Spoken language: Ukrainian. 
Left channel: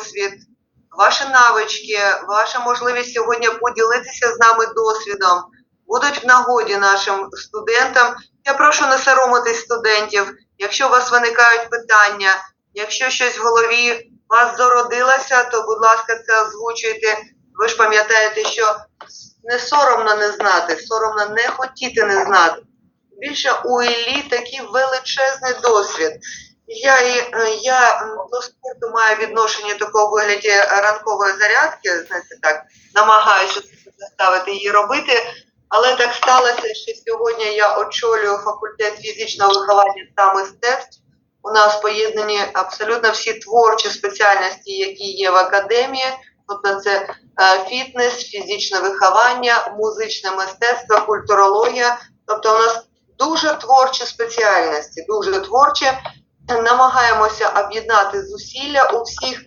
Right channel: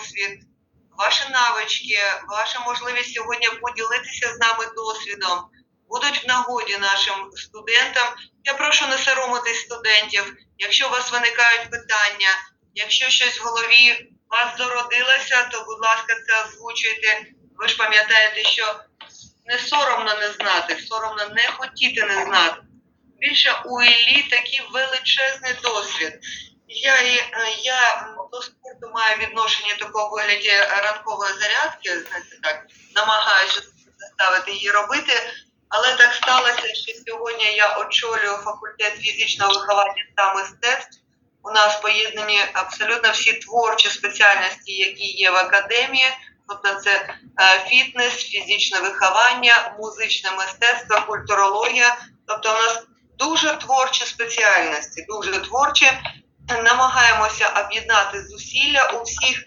досвід, ваші навички, ваша можливість сьогодні поділитися з нами досвідом будуть в нагоді нашим студентам. Я прошу не соромитись студентів. Якщо у вас виникають питання, якщо щось в голові вас зародилося, то, будь ласка, це озвучуйте. Ви ж пам'ятаєте, що не соромно не знати, соромно не хотіти не знати. Більше у Іллі такий величезний досвід. Я, е, я до спорту маю відношення такого вигляді ранкової зарядки, знаєте, так, намагаюся заставити її робити. Але так сталося, що сьогодні я очолюю факультет фізичного виховання та мистецтв. У нас поєднані абсолютно всі творчі спеціальності, які є в академії. Тобто це е, фітнес, фізичне виховання, музичне мистецтво, культурологія. Тобто у нас дуже творчі спеціальності, дуже творчі. Намагаємося об'єднати зусилля у всіх